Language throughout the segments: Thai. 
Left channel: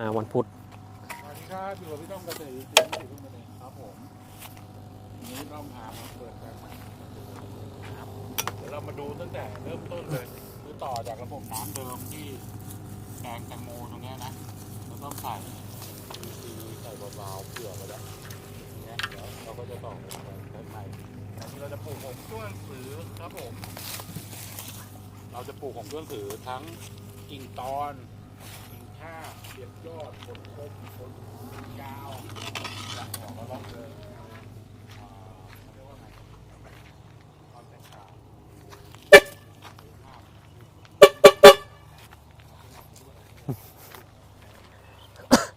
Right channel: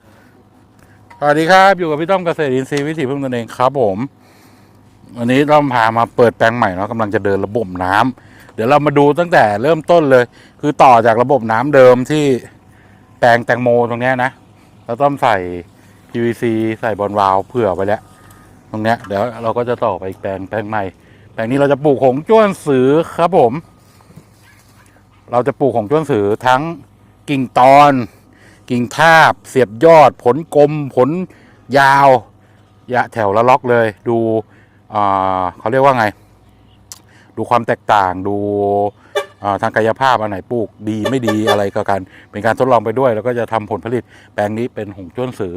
มาวันพุธสวัสดีครับ อยู่กับพี่ต้อมเกษตรอินทรีย์วิถีพึ่งตนเองครับผมวันนี้ต้อมพามาเปิดแปลงใหม่เนาะกำลังจะเดินระบบน้ำเดี๋ยวเรามาดูตั้งแต่เริ่มต้นเลย คือต่อจากระบบน้ำเดิมที่แปลงแตงโมตรงเนี้ยนะเราต้อมใส่ PVC ใส่บอลวาล์วเผื่อไปแล้ว ตรงเนี้ยเดี๋ยวเราก็จะต่อไปแปลงแปลงใหม่แปลงนี้เราจะปลูกหงจ้วนสือครับผม เราจะปลูกหงจ้วนสือทั้งกิ่งตอน กิ่งทาบ เสียบยอด ผลกลม ผลยาว ยะแถวละล็อกเลย ดูเขาเรียกว่าไง ดูความแตกต่าง ดูทางกายภาพอันไหนปลูกดีไม่ดีอะไรก็กัน เป็นการทดลองไปด้วย แล้วก็จะทำผลผลิตแปลงนี้เป็นหงจ้วนสือ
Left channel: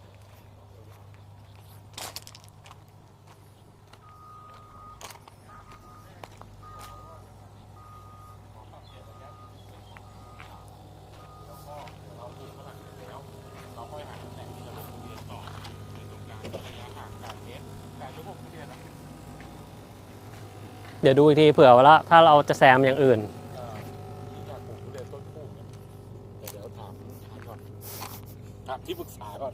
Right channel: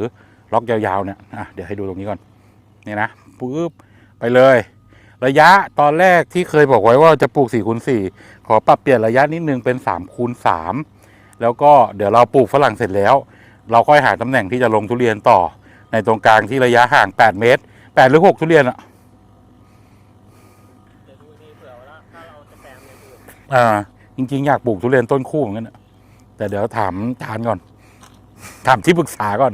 ล็อกยาวๆเนี่ยเดี๋ยวให้ดูตรงนี้ก่อนนี่นะปุ๊บไปเลย ระยะตอนแรกที่เคยบอกไว้ว่าจะปลูก4คูณ4ขอปรับเปลี่ยนระยะนิดนึงเป็น3คูณ3 แล้วก็เดี๋ยวเราปลูกฝรั่งเสร็จแล้ว เราค่อยหาตำแหน่งที่จะลงทุเรียนต่อ ในตรงกลางที่ระยะห่าง 8 เมตร8หรือ6ทุเรียนอะเดี๋ยวดูอีกทีเผื่อว่าถ้าเราจะแซมอย่างอื่น อ่า จริง ๆ อยากปลูกทุเรียนต้นคู่เหมือนกันน่ะแต่เดี๋ยวถามทานก่อน ถามที่ปรึกษาก่อน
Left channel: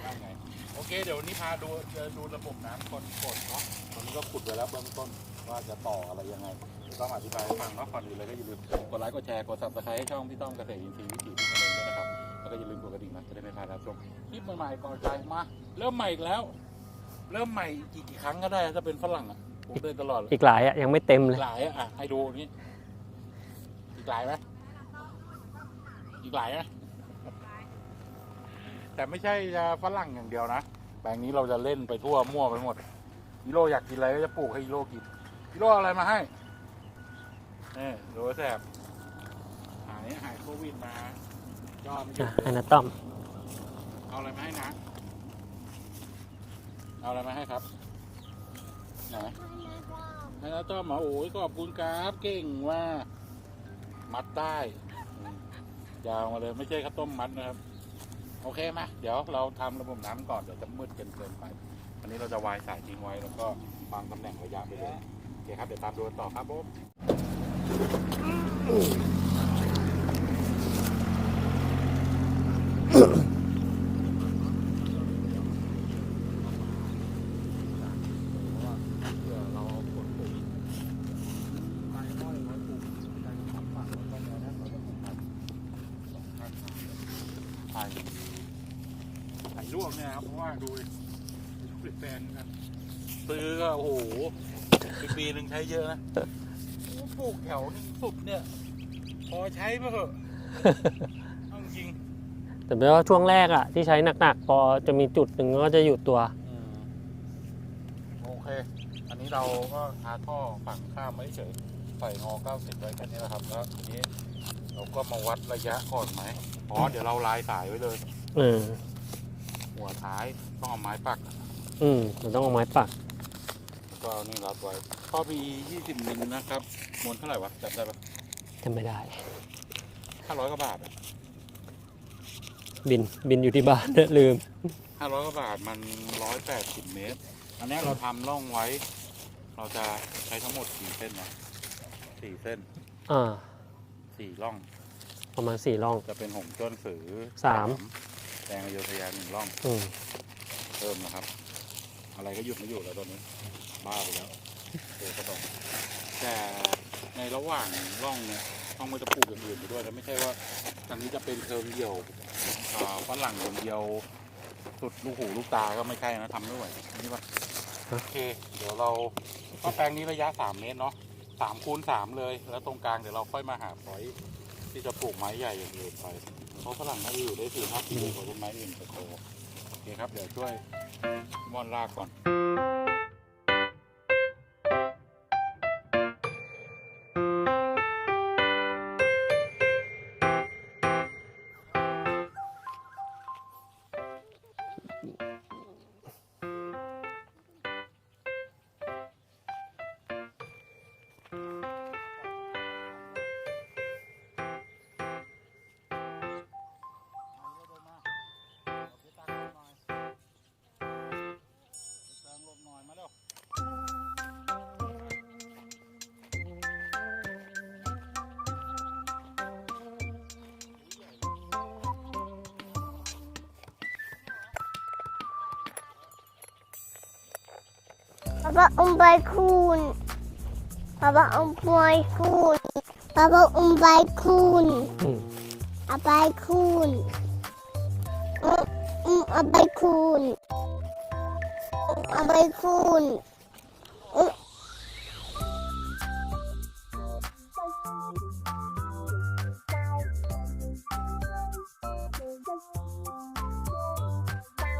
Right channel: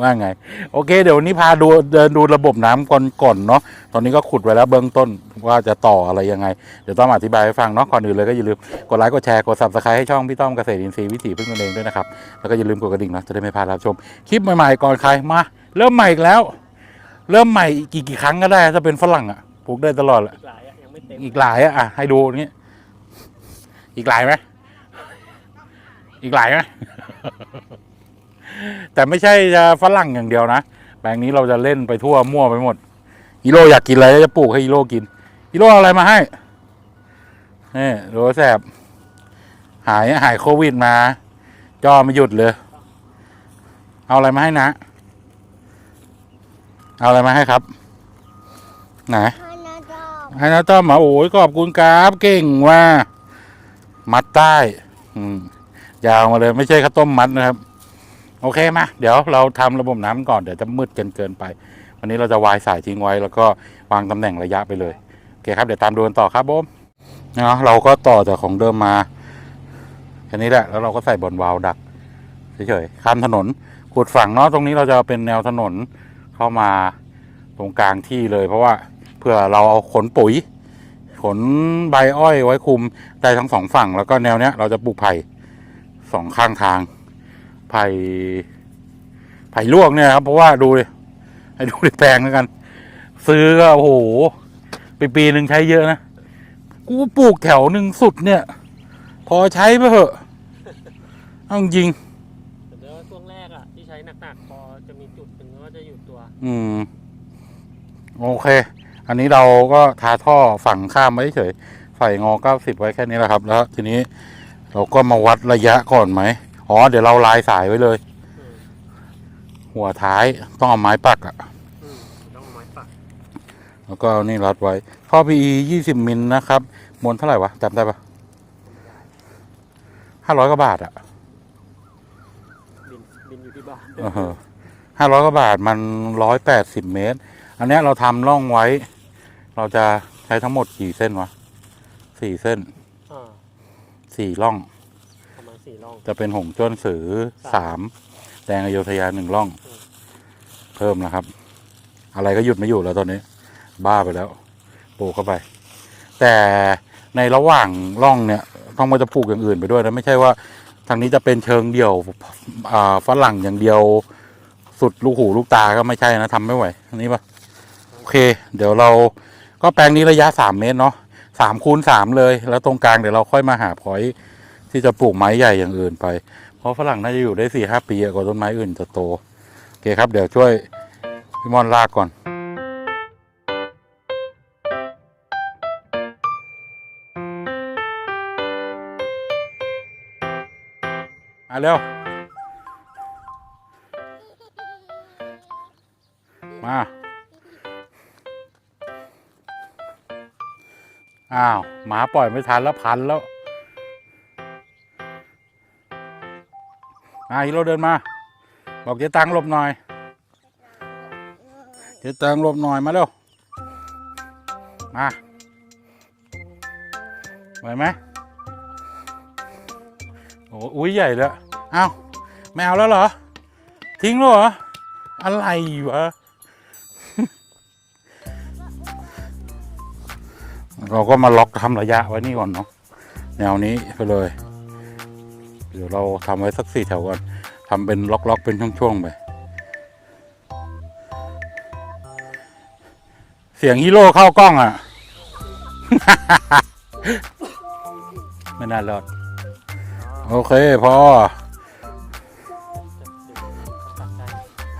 ว่าไง โอเค เดี๋ยววันนี้พาดูเดินดูระบบน้ำก่อนก่อนเนาะตอนนี้ก็ขุดไว้แล้วเบื้องต้น ว่าจะต่ออะไรยังไง เดี๋ยวต้องอธิบายให้ฟังเนาะก่อนอื่นเลยก็อย่าลืมกดไลค์กดแชร์กด subscribe ให้ช่องพี่ต้อมเกษตรอินทรีย์วิถีพึ่งตนเองด้วยนะครับแล้วก็อย่าลืมกดกระดิ่งนะจะได้ไม่พลาดรับชมคลิปใหม่ๆก่อนใครมาเริ่มใหม่อีกแล้ว เริ่มใหม่กี่กี่ครั้งก็ได้ถ้าเป็นฝรั่งอะปลูกได้ตลอดแหละอีกหลายอะยังไม่เต็มอีกเลยหลายอะอะให้ดูนี้อีกหลายไหมอีกหลายไหมแต่ไม่ใช่จะฝรั่งอย่างเดียวนะแปลงนี้เราจะเล่นไปทั่วมั่วไปหมดฮีโร่อยากกินอะไรก็จะปลูกให้ฮีโร่กิน ฮีโร่เอาอะไรมาให้นี่โรแสบหายหายโควิดมา จอไม่หยุดเลยนะต้อมเอาอะไรมาให้นะ เอาอะไรมาให้ครับ ไหนให้นะต้อมมาโอ้ยขอบคุณครับเก่งว่า มัดใต้ อืมยาวมาเลยไม่ใช่ข้าวต้มมัดนะครับ โอเคมาเดี๋ยวเราทำระบบน้ำก่อนเดี๋ยวจะมืดเกินเกินไป วันนี้เราจะวายสายทิ้งไว้ แล้วก็วางตำแหน่งระยะไปเลยโอเคครับเดี๋ยวตามดูกันต่อครับผมเนาะเราก็ต่อจากของเดิมมาแค่นี้แหละแล้วเราก็ใส่บอลวาล์วดักเฉยๆตามถนนปุดฝั่งเนาะตรงนี้เราจะเป็นแนวถนนเข้ามาตรงกลางที่เลย เพราะว่าเพื่อเราเอาขนปุ๋ย ขนใบอ้อยไว้คุมได้ทั้งสองฝั่ง แล้วก็แนวเนี้ยเราจะปลูกไผ่สองข้างทาง ไผ่ไผ่ลวกเนี่ยครับเพราะว่าดูดิให้ดูดิแพงแล้วกัน ซื้อก็โอ้โห ปีปีหนึ่งใช้เยอะนะ กูปลูกแถวหนึ่งสุดเนี่ย พอใช้ไปเถอะเอาจริง แต่เป็นว่าช่วงแรกอะที่ใช้หนักๆ พอจะมีจุดหนึ่งก็จะหยุดตัว อืม โอเค อันนี้เราก็ทาท่อฝั่งข้ามไว้เฉยใส่งอเก้าสิบไว้แค่นี้แหละครับ แล้ว ทีนี้เราก็มาวัดระยะก่อนไหม อ๋อ เดี๋ยวเราลายสายไว้เลย อืม หัวท้ายต้องเอาไม้ปักอะ อืมมันต้องเอาไม้ปัก แล้วก็เอานี่รัดไว้ท่อ PE 20มิลนะครับมวลเท่าไหร่วะจำได้ปะจำไม่ได้500กว่าบาทอะบินบินอยู่ที่บ้านลืม500กว่าบาทมัน180เมตร อันเนี้ยเราทำร่องไว้ เราจะใช้ทั้งหมดกี่เส้นวะสี่เส้นอ่าสี่ร่อง ประมาณสี่ร่อง จะเป็นหงจ้วนสือสามสามแดงอโยธยาหนึ่งร่อง อืมเพิ่มนะครับ อะไรก็หยุดไม่อยู่แล้วตอนนี้ บ้าไปแล้วปลูกเข้าไป แต่ในระหว่างร่องเนี่ยต้องมาจะปลูกอย่างอื่นไปด้วยนะไม่ใช่ว่าทางนี้จะเป็นเชิงเดี่ยวฝรั่งอย่างเดียว สุดลูกหูลูกตาก็ไม่ใช่นะทำไม่ไหวอันนี้ปะโอเค เดี๋ยวเราก็แปลงนี้ระยะสามเมตรเนาะสามคูณสามเลย แล้วตรงกลางเดี๋ยวเราค่อยมาหาพอยที่จะปลูกไม้ใหญ่อย่างอื่นไป เพราะฝรั่งน่าจะอยู่ได้สี่ห้าปีกว่าต้นไม้อื่นจะโต โอเคครับ เดี๋ยวช่วยพี่มอนลากก่อน มาเร็ว มา อ้าว หมาปล่อยไม่ทันแล้วพันแล้วมาฮีโร่เดินมา บอกเจ๊ตังหลบหน่อยเจ๊ตังหลบหน่อยมาเร็ว มาไหวไหม อ้อุ้ยใหญ่เลยอ้าวไม่เอาแล้วเหรอ ทิ้งแล้วเหรอ อะไรวะป๊าป๊าอุ้มใบคูณเราก็มาล็อกทำระยะไว้นี่ก่อนเนาะป๊าป๊าแนวนี้อุ้มใบไปเลย คูณเดี๋ยวเราทำไว้สักสี่แถวก่อนทำเป็นล็อกๆเป็นช่วงๆไปอุ้มเอาใบคูณเอาใบคูณเสียงฮีโร่เข้ากล้องอะ ไม่น่ารอด โอเค พอ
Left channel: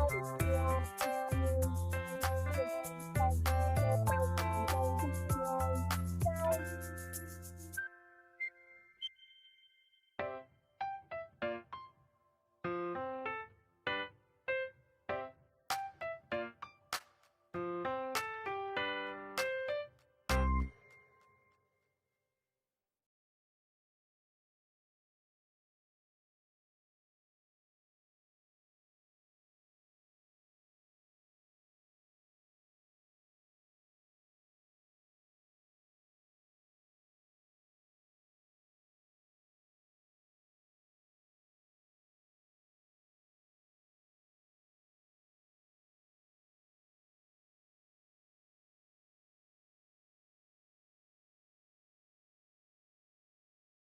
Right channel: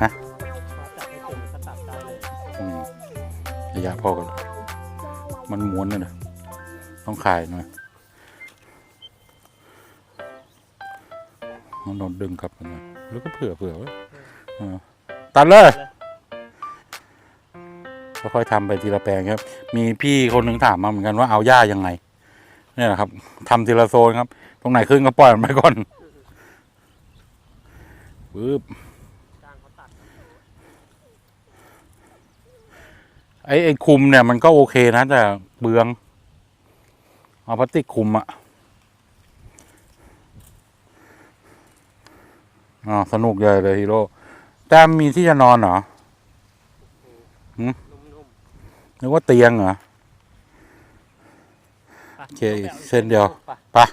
ฮะอืมระยะพอกันมันม้วนเลยนะต้องขายหน่อยมันโดนดึงกลับมาหน่อยแล้วก็เผื่อเผื่อไว้ตัดเลยค่อยๆทำไปทีละแปลงครับ มีพี่คนหนึ่งถามมาเหมือนกันว่าเอาหญ้ายังไง นี่ยแหละครับทำทีละโซนครับ ตรงไหนขึ้นก็ปล่อยมันไปก่อนปึ๊บไอ้ไอ้คุมเนี่ยมันก็โอเคนะ แต่เบือง เอาพลาสติกคุมอะอ๋อสนุกใหญ่เลยฮีโร่แต้มมีที่จะนอนเหรอหืมนึกว่าเตียงเหรอ โอเคอีกเส้นเดียวไปะ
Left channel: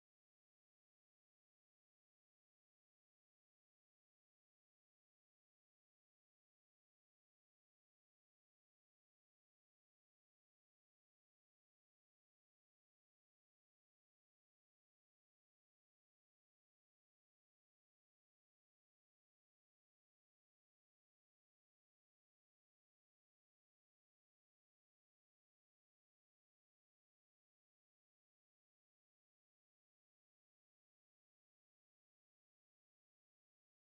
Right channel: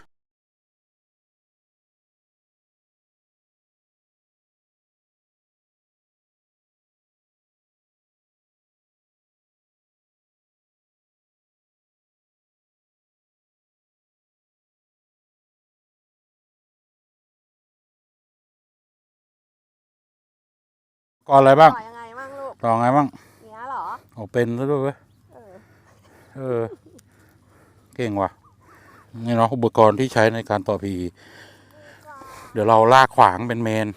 ก่อนอะไรบ้างต่อยังไงบ้างลูกต่อไงบ้างเนี้ยเหรอโอ้เป็นซะด้วยเว้ยเออ เก่งว่ะนี่เนาะอุปกรณ์ที่ใช้ในการต่อพี เดี๋ยวเราลากขวางเป็นเมน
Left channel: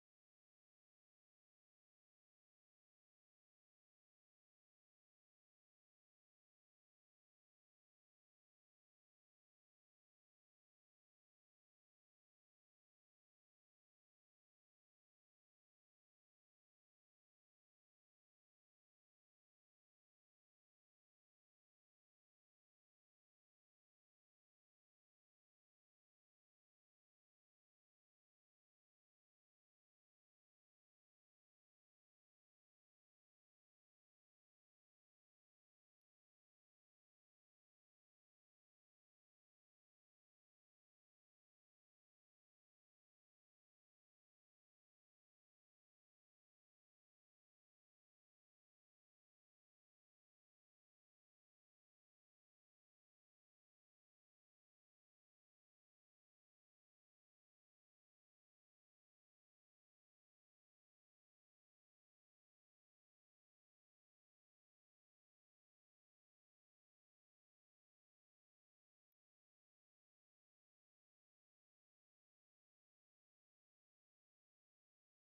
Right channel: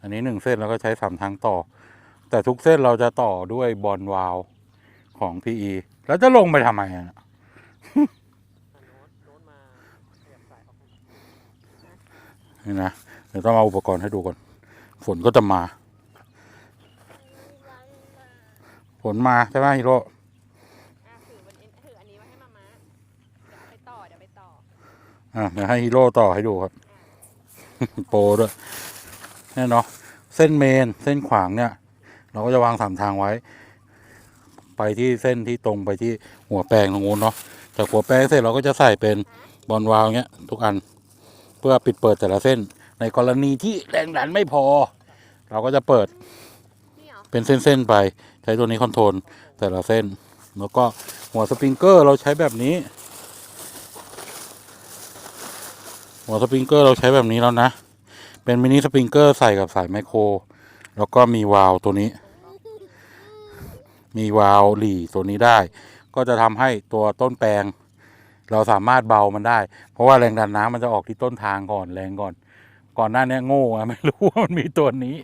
อันนี้หนึ่งเส้นแล้วก็ใช้สามทางต่อ แต่ทุกเส้นเราจะต่อด้วยบอลวาลของ PE แล้วจะลงไปทำไมอะนี่นะเดี๋ยวต้องเอาอุปกรณ์ให้ดูก่อน ฝนก็จะมา ฝนมา ใช่ไหมฮีโร่ อะถือมันถืออันนี้ไว้ให้มาม้าเดี๋ยวไปต่อเดี๋ยวไปต่อ อะเดี๋ยวให้ฮีโร่ต่อให้ดูครับ โปรด้วยเนี่ยเนาะเส้นเมนเส้นขวางเนี่ย เราก็จะวางสามทางไว้ ไปที่เส้นที่ตรงไปที่หัวแปลงตรงนู้นเนาะจากหัวแปลงเสร็จเราก็จะใส่เป็นบอลวาล์วเงี้ยทุกอันเพื่อปิดเปิดแต่ละเส้น ในกรณีที่แรงดันไม่พอ เราก็จะเปิดเหรอเป็นเส้นๆไป ใช้ตัวนี้คอนโทรลแต่ละเส้น แล้วก็หัวสปริงเกอร์เราใช้แบบนี้ หัวสปริงเกอร์เราใช้แบบนี้แล้วนะ เป็นมินิสปริงเกอร์ใส่กับสายไมโคร แล้วก็มีวาล์วตัวนี้ มีวาล์วหลีตัวนี้ได้ ก็จะทำให้ตัวต้นแปลง เราสามารถเบามันได้ เพราะว่าแรงดันน้ำมันจะออกที่ต้นทางก่อนแรงก่อน ก่อนหน้านี้โง่อะไม่รู้ว่ามันมีตัวนี้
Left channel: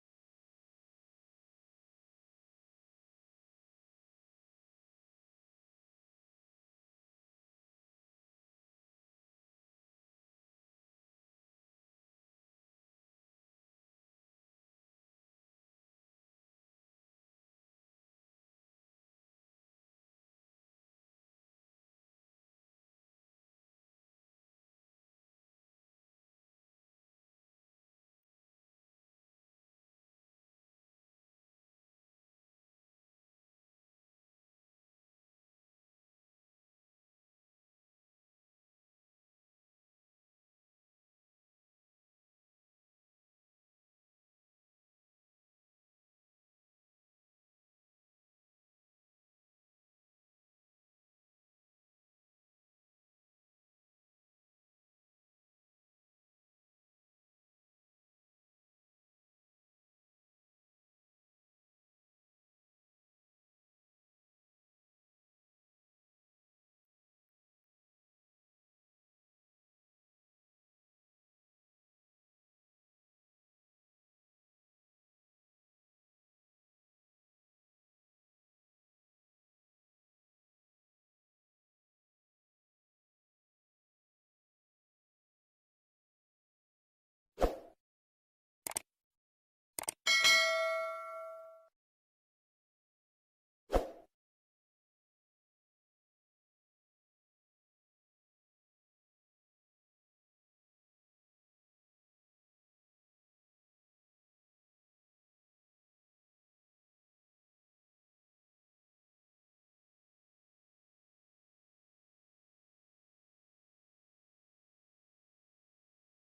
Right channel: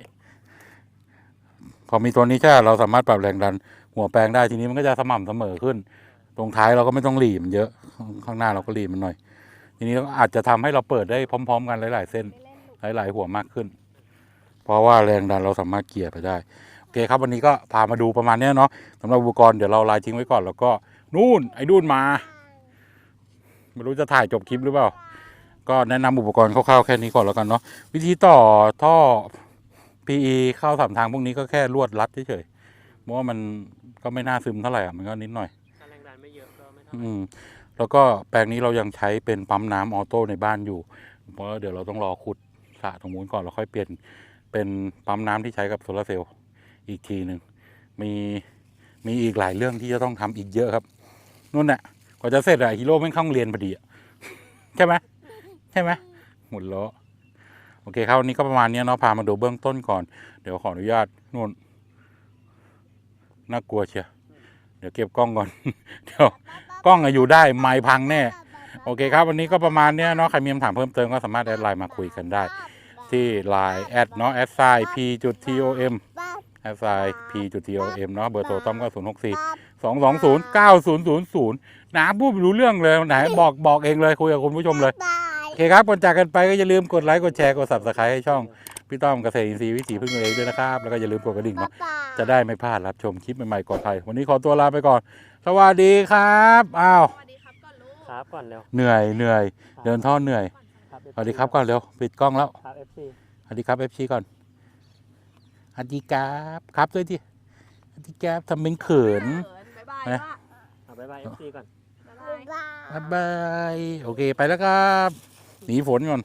พอมีตัวนี้ใช่เราสามารถปรับแรงดัน หัวแปลงได้ทีนี้มันก็จะสม่ำเสมอขึ้น ตรงท้ายเราก็ไม่ต้องหลีมันเยอะ ข้างข้างหน้าเราก็หลีมันหน่อย ทีนี้ก็อาจจะทำให้เราเปิดได้พร้อม ๆ กันหลาย ๆ เส้นหลาย ๆ หัวมากขึ้น เพราะว่าแรงดันเราสามารถเกลี่ยไปได้โอเคครับวันนี้ก็พามาดูประมาณเนี้ยเนาะสำหรับอุปกรณ์เดี๋ยวเราลายทิ้งไว้ก่อนแล้วก็นู่นไอ้ดุนมาไม่รู้จะถ่ายจบคลิปหรือเปล่า ก็แนะนำอุปกรณ์คร่าวๆแค่นี้ก่อนแล้วกันเนาะวิธีต่อท่อ PE เข้าสามทางพวกนี้ก็แค่ลวดรัดเฉยๆเพราะว่ามันก็ไม่น่าซึมเท่าไหร่อะมันก็นิดหน่อยถ้าแรงดันไม่เยอะก็ไม่เท่าไหอืร่ม แล้วก็แปลงนี้เรายังใช้เป็นปั๊มน้ำออโต้ในบ้านอยู่ เพราะเดี๋ยวเราต้องรอขุดสระตรงนู้นก่อนแล้วค่อยเปลี่ยนเป็นปั๊มน้ำที่ใช้กับโซลาเซลล์อีกทีหนึ่งมีมีอีกหลายเรื่องที่จะต้องทำอีกเยอะครับนู่นน่ะกว่าจะเสร็จอะฮีโร่ไม่เข้าโรงเรียนพอดีอะใช่ไหมใช่ไหมหมดล้อโอเคครับวันนี้ก็ประมาณนี้เนาะพามาดูเบื้องต้นก่อน เดี๋ยวขออนุญาตนู่นน่ากลัวเชียวเดี๋ยวเก็บกล้องก่อน เดี๋ยว กล้องอะอยู่ได้ไม้พังแน่โอเคครับวันนี้ก็ประมาณเนี้ยเนาะใครมีคำถามเพิ่มเติมก็สามารถแอดไลน์มาคุยกันได้ ที่ไลน์แอดเนาะแอดไซน์ p จุด tom แอดไซน์ p จุด tom เนาะเบอร์โทรต้อมก็ศูนย์หกสี่สองสองศูนย์เก้าศูนย์ศูนย์ศูนย์นะพูดไม่รู้เรื่องเลยไหนบอกบอกเองเลยคุยกับคุณผู้ชมเลยบายโอเคครับก่อนจากกันไปก็อย่าลืมกดไลค์กดแชร์กด subscribe ให้ช่อง พี่ต้อมเกษตรอินทรีย์วิถีพึ่งตัวเองด้วยนะครับ แล้วก็อย่าลืมกดกระดิ่งเนาะจะได้ไม่พลาดรับชมคลิปใหม่ๆก่อนใครวันนี้ขอตัวลาไปก่อน สวัสดีครับอ้าวสวัสดีครับก่อนลูกครับก่อนเร็วเหนื่อยเหนื่อยเดินท่อเหนื่อยครับสวัสดีครับก่อนเร็วปิดกล้องแล้วครับ FC สวัสดีครับเอฟซีก่อนฮัตดีครับครับด้วยดิฮัตดีครับทำเป็นเขินบ๊ายบายนะว่าเอาบ๊ายบายเอฟซีก่อนบ๊ายบายบ๊ายบาย โอเค ไปแล้วครับ หนีฝนก่อน